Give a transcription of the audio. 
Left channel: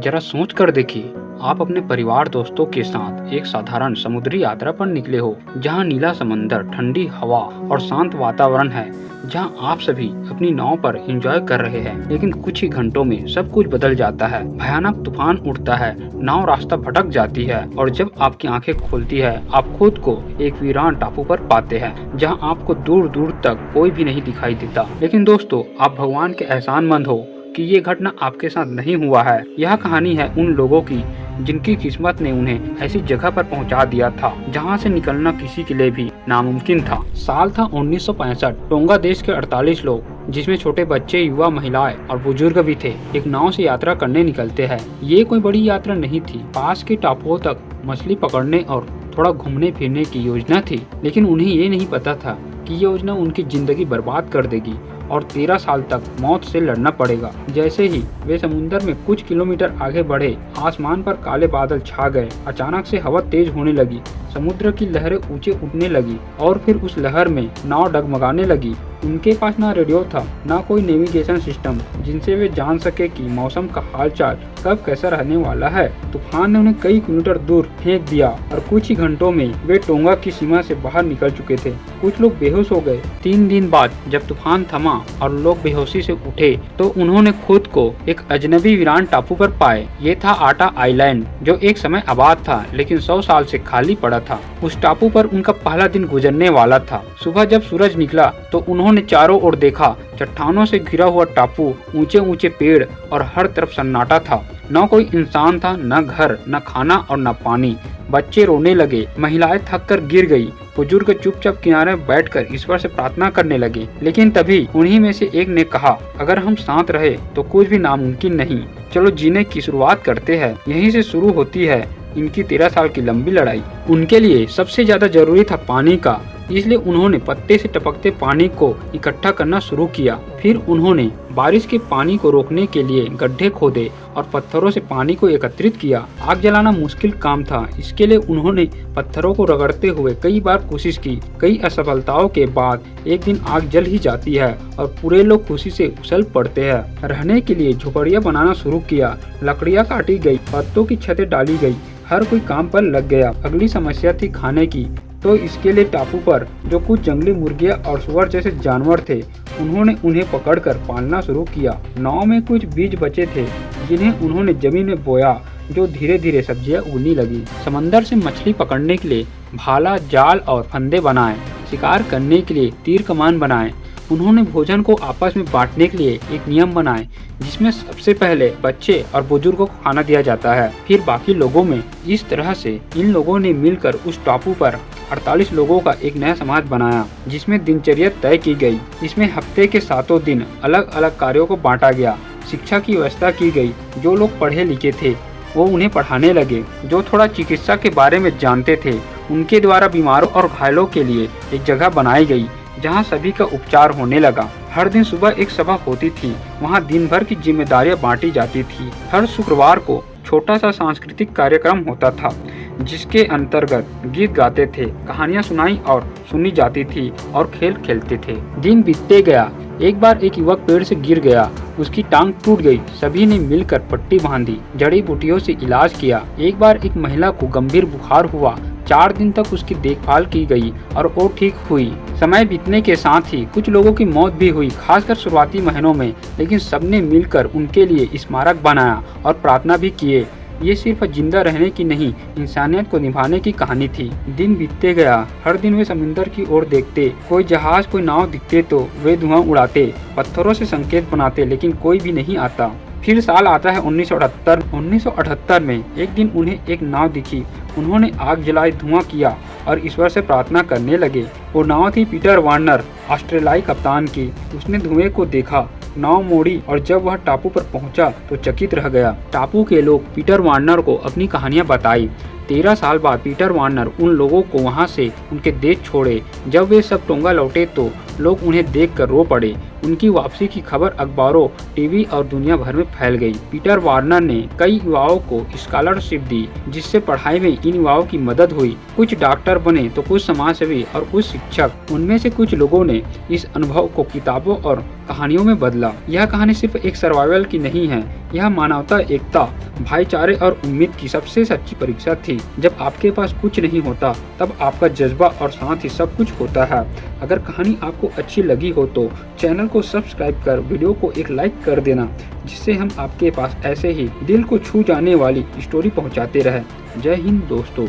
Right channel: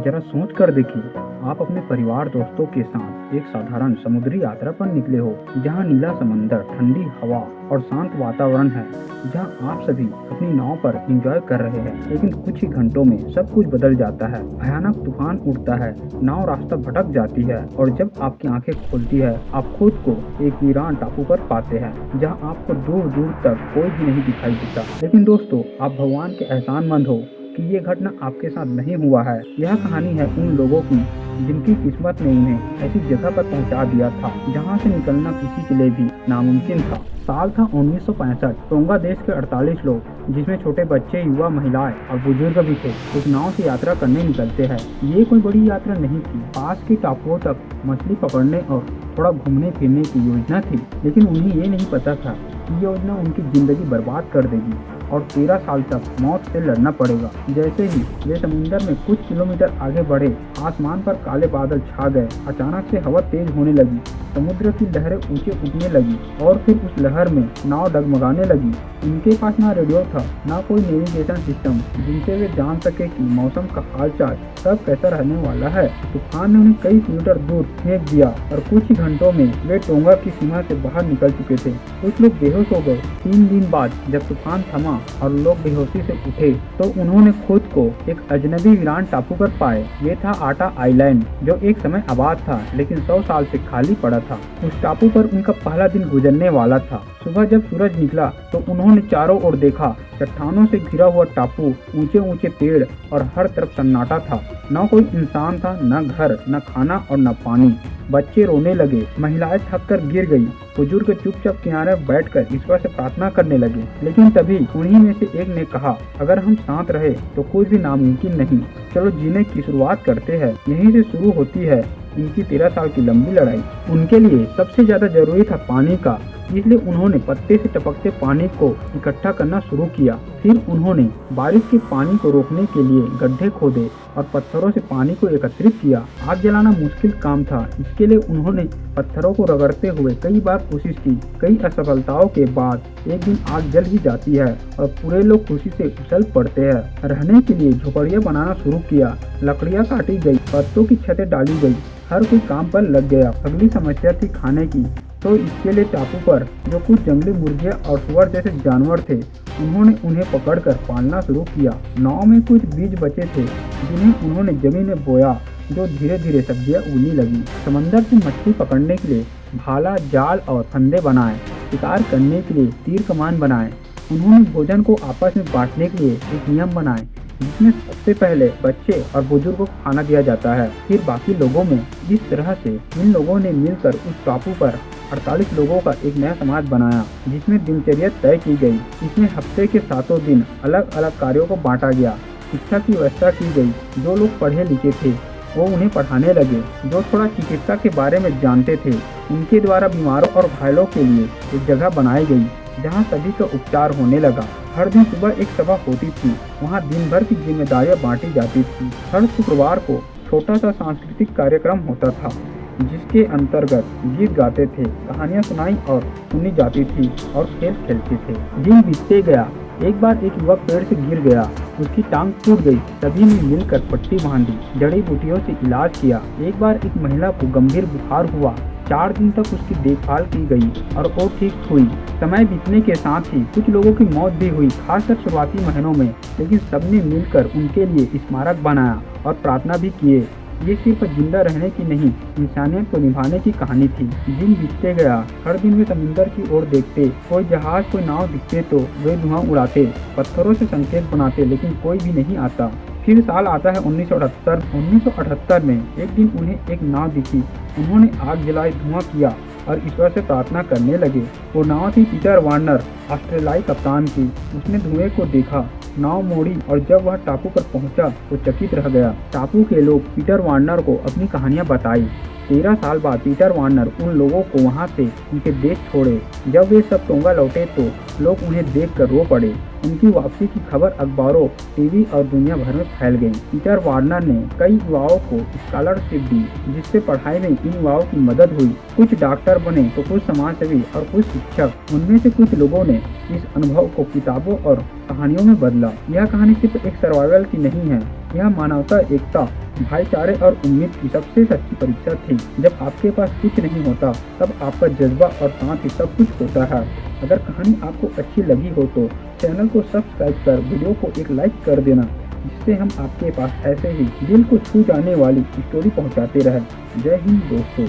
जरा सोच कर देखिए, आप अपने परिवार दोस्तों के साथ एक साधारण समुद्री यात्रा पर निकले हो, जहां नीला समंदर, ठंडी हवा और शांत वातावरण है, जहां आप सभी अपनी नाव पर एंजॉय कर रहे हैं। लेकिन कुछ ही घंटों में सब कुछ बदल जाता है। भयानक तूफान उठता है, नाव रास्ता भटक जाती है और जब आपकी आंखें खुलती है, आप खुद को एक वीरान टापू पर पाते हैं, जहां आपको दूर दूर तक कोई भी नहीं दिखाई देता। लेकिन दोस्तों, आप भगवान के एहसानमंद हो कि ये घटना आपके साथ नहीं हुआ है। यह कहानी है उन लोगों की जिनकी किस्मत ने उन्हें ऐसी जगह पर पहुंचा दिया था जहां से निकलना किसी के लिए भी नामुमकिन था। साल था 1965। टोंगा देश के 48 लोग, जिसमें छोटे बच्चे, युवा, महिलाएं और बुजुर्ग भी थे, एक नाव से यात्रा करने निकलते हैं। ये कोई बड़ी यात्रा नहीं थी, पास के टापुओं तक मछली पकड़ने और थोड़ा घूमने फिरने की योजना थी। लेकिन उन्हें ये नहीं पता था कि ये योजना उनकी जिंदगी बर्बाद कर देगी और 13 साल तक मौत से लड़ना पड़ेगा। जैसे ही वे समुद्र में कुछ किलोमीटर आगे बढ़े, आसमान पर काले बादल छा गए। अचानक से हवा तेज होने लगी, समुद्र की लहरें ऊंचे उठने लगी और फिर उस लहर में नाव डगमगाने लगी। उनके पास ना रेडियो था, ना कोई नेविगेशन सिस्टम जिनसे वे जान सके कि मौसम का हालचाल कब कैसा रहने वाला है। तूफान ने उन्हें कई किलोमीटर दूर फेंक दिया और कुछ ही घंटों में वे टोंगा की सीमा से बाहर निकल चुके थे। कुछ लोग बेहोश हो गए। 3 दिन बाद जब तूफान थमा और लोग बेहोशी से उठे, तो उन्होंने खुद को एक अजनबी वीरान टापू पर पाए। ये था आटा आइलैंड, जो एक समय आबाद था लेकिन 100 साल से खाली पड़ा था। उस टापू पर उनका पहला दिन गुजरने वाला था। सुबह जब सूरज निकला तो उन्होंने चारों ओर देखा। चट्टानों से घिरा हुआ टापू, ऊंचे ऊंचे पेड़ और हर तरफ सन्नाटा था। न कोई इंसान था, न घर, न खाना और न पानी। बच्चे रोने लगे, महिलाएं थक कर गिर गई, बुजुर्ग चुपचाप किनारे बैठकर ईश्वर से प्रार्थना करने लगे। लेकिन तभी उन्हीं में से एक ने कहा, अगर हम साथ रहे तो कुछ भी नामुमकिन नहीं। चलो जीने की शुरुआत करते हैं। यहीं से शुरू होती है इनकी 13 साल की लंबी लड़ाई। उनके लिए सबसे ज्यादा जरूरी था पानी का, इसलिए उन्होंने पत्ते से टपकते पानी को इकट्ठा करना शुरू किया। फिर उन्होंने बारिश के पानी को रोकने के लिए गड्ढे खोदे और पत्थरों से पानी को एकत्रित किया। आग जलाना मुश्किल काम था, इसके लिए उन्होंने पत्थरों को रगड़ते हुए कई बार कोशिश की। कई असफलताओं के बाद एक दिन आग जल ही जाती है और पूरे लोग खुशी से उछल पड़ते हैं। रहने के लिए झोपड़ियां बनाना शुरू किया, लकड़ियां काटी गई, पत्तों की छतें डाली गई, हर कोई काम पर लग गया। अगली समस्या थी खाने की, तो इसके लिए टापू पर जो कुछ जंगली मुर्गियां और सुअर जैसे जानवर थे, उन्होंने उन्हें पकड़कर पालना शुरू किया। नाव में कुछ बीज बचे थे जिन्हें उन्होंने जमीन में बोया, जो धीरे धीरे सब्जियां उगने लगी। समंदर से मछली पकड़ने के लिए भाला, जाल और फंदे बनाए। शिकार करने के लिए तीर कमान बनाए। उन्होंने भोजन को आपस में बांटने के लिए एक नियम बनाए, जिसमें सबसे पहले बच्चे और बुजुर्गों को खाना दिया जाता है, फिर बाकी लोगों में। इस तरह से इन लोगों ने मिलकर उस टापू पर 48 लोगों का एक नया समाज बनाया, जिसमें दिनचर्या तय की गई। इसमें हफ्ते के 7 दिन अलग अलग कार्यों को बांटा गया। शिक्षा की व्यवस्था की गई। जो लोग पढ़े लिखे थे वो उन्हें पढ़ाने लगे। जो थोड़ा चिकित्सा के बारे में जानते थे, उनके द्वारा बीमारों और घायलों के लिए एक जगह बनाई गई जहां सभी का उपचार होने लगा। हर दिन सुबह एक सभा होती थी, वहां दिन भर की जिम्मेदारियां बांटी जाती थी। हर शुक्रवार को छोटा सा सांस्कृतिक कार्यक्रम होता था, जिसके अंतर्गत गीत गाते थे, कहानियां सुनाई और सुनी जाती थी और खेल खेलते थे। दिन बीतते गया। एक बार एक युवक पेड़ से गिर गया, उसकी टांग टूट गई। सभी ने मिलकर पट्टी बांधी, जड़ी बूटियों से इलाज किया। एक बार एक महिला को गंभीर बुखार हुआ, 4 दिन तक उसकी देखभाल की गई और वो ठीक हुई। समय बीतने के साथ ही कुछ लोगों की मौत भी हुई, खासकर शुरुआती महीनों में, लेकिन सबने मिलकर उनके लिए स्मारक बनाया और प्रार्थना भी किए। ये सिर्फ जिंदा रहने की नहीं, इंसानियत को निभाने की कहानी थी। दिन बीतते गया। हर दिन वे समुद्र की ओर देखते। कोई जहाज, कोई नाव दिखते तो वे धुआं उड़ाते, पत्थरों से संकेत बनाते, लेकिन कोई भी नहीं आता। फिर साल आता है 1978। 1978 में एक दिन उन्हें एक नाव दिखी। उन्होंने आग जलाई, धुआं किया और ईश्वर से प्रार्थना करने लगे। वो नाव थी पीटर वार्नर, ऑस्ट्रेलियाई कप्तान की। उसने धुएं को देखा, नाव मोड़ी और जब वह टापू पर पहुंचा तो चकित रह गया। टापू के लोग पीटर वार्नर को अपनी कहानियां बताई। 13 साल बाद पीटर वार्नर उन लोगों को वहां से उनके देश छोड़े। जब वे सब टोंगा लौटे तो लोग उन्हें देखकर रो पड़े। उनकी वापसी की खबर अखबारों, टीवी और दुनिया भर में फैल गई। पीटर वार्नर ने कई युवाओं को स्कॉलरशिप दी, जिससे पढ़ाई में इन युवाओं की मदद हुई। कुछ डॉक्टर बने तो कुछ समाजसेवी और कुछ शिक्षक। उनमें से कुछ लोगों ने इस अनुभव को किताबों और कहानियों में बदला। यह कहानी सिर्फ एक सर्वाइवल की नहीं है, यह मानवता, एकता, भाईचारे और उम्मीद की सबसे सच्ची परीक्षा थी। जब आपके पास कुछ नहीं होता, तब आपका जज्बा और साथ ही सब कुछ होता है। अगर कहानी आपको अच्छी लगी हो तो चैनल को सब्सक्राइब कर वीडियो को एक लाइक कर देना, जिससे हम आपके पास ऐसे ही दिल को छू जाने वाली स्टोरी पहुंचाते रहें। जय हिंद दोस्तों।